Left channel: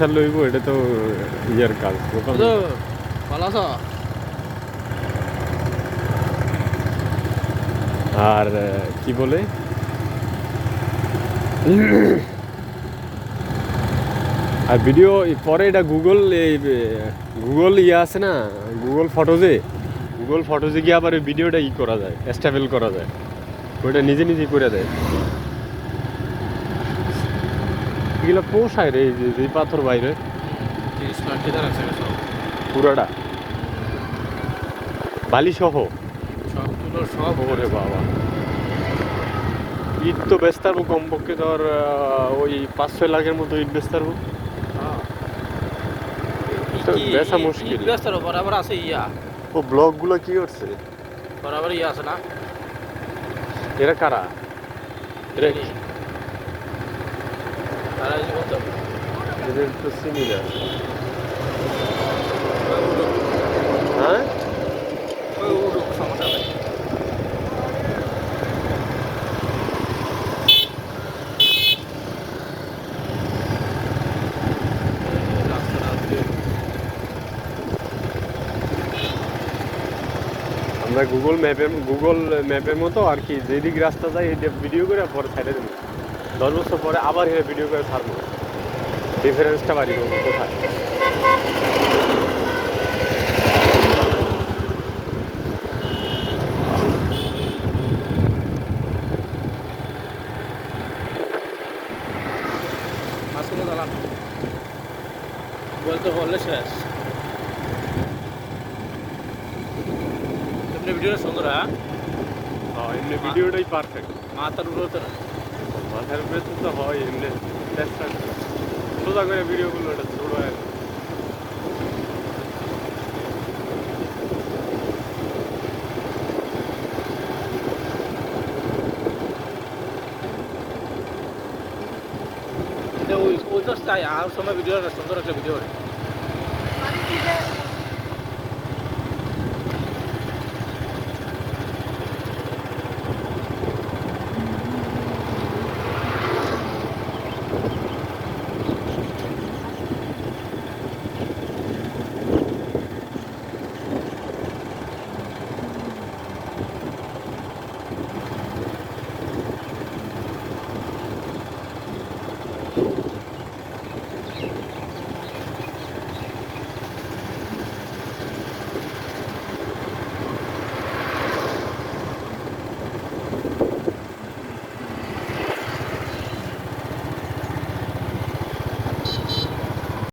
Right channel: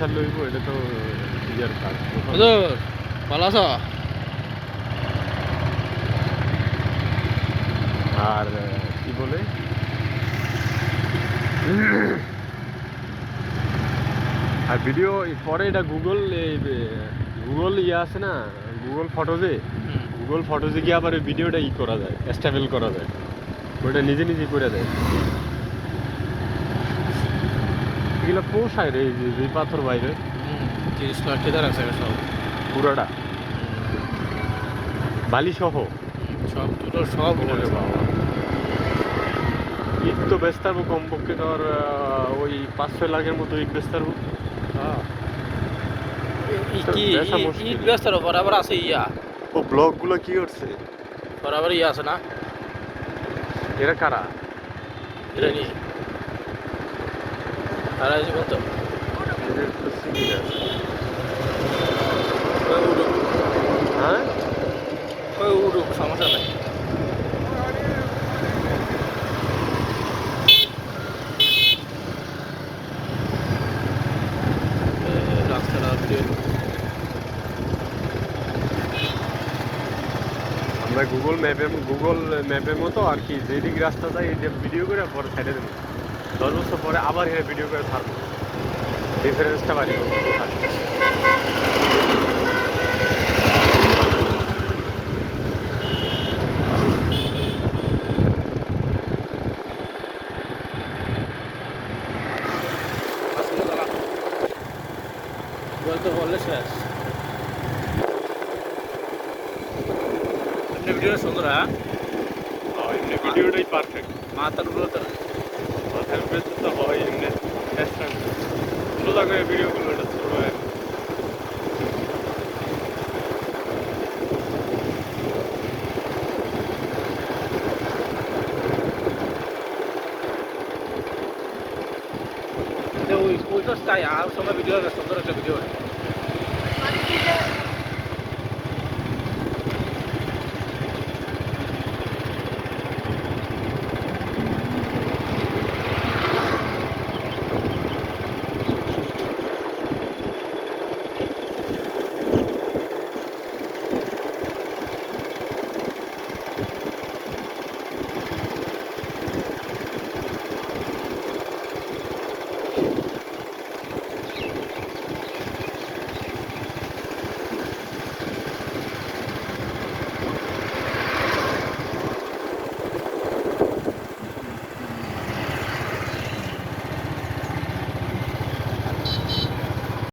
লইব এটা তো ইয়ার কাজ ভালো আছো? আর কি বলে আর ভিডিও পরে এটা গুগল ইয়ে আছে না, গুগল ফটোজে গিয়ে আবার ভিডিওটা করা যায়, স্টেবল করা যায়, ওটা নিজে নিজে করে দেয়। এগুলো পোষায় রে, এই পাথর বাইরে পুরাটা বালি সহ সব বাবা ইট তো বেচতে পারবো কমপক্ষে ধর ওই 5-6 লাখের মতো ইট বেচতে পারবো। বেচা মুশকিল। বরাবর আছে ও ব্লগ গুলো কি করছে বরাবর আছে না এরা কারা? তারা জীবন তো এদের একটু similar। উড়ুক হ্যাঁ উড়ুক সমস্যা নেই। রাস্তাটা আমরা গুগল ম্যাপের মতো আর কি, যেদিক রাস্তা যায় এই যে ভিডিও করে পরে সাইডে দেবো, 10 বছর পরে আবার ভিডিও করে ছাড়বো, ডিফারেন্সটা বাড়ি কোথায়। বলতে বললে শেষ। এমনি ভিডিওটা সুন্দর। হ্যাঁ এমনি ভিডিওটাই পারফেক্ট। মাথার উপরে তো মাথার উপরে তো হয় এমনি ছোটো থাকে ভিডিওগুলো, এটা ছোটো হয়। ওই তো চাই আর সময় ভিডিও সুন্দর একটা ভিডিও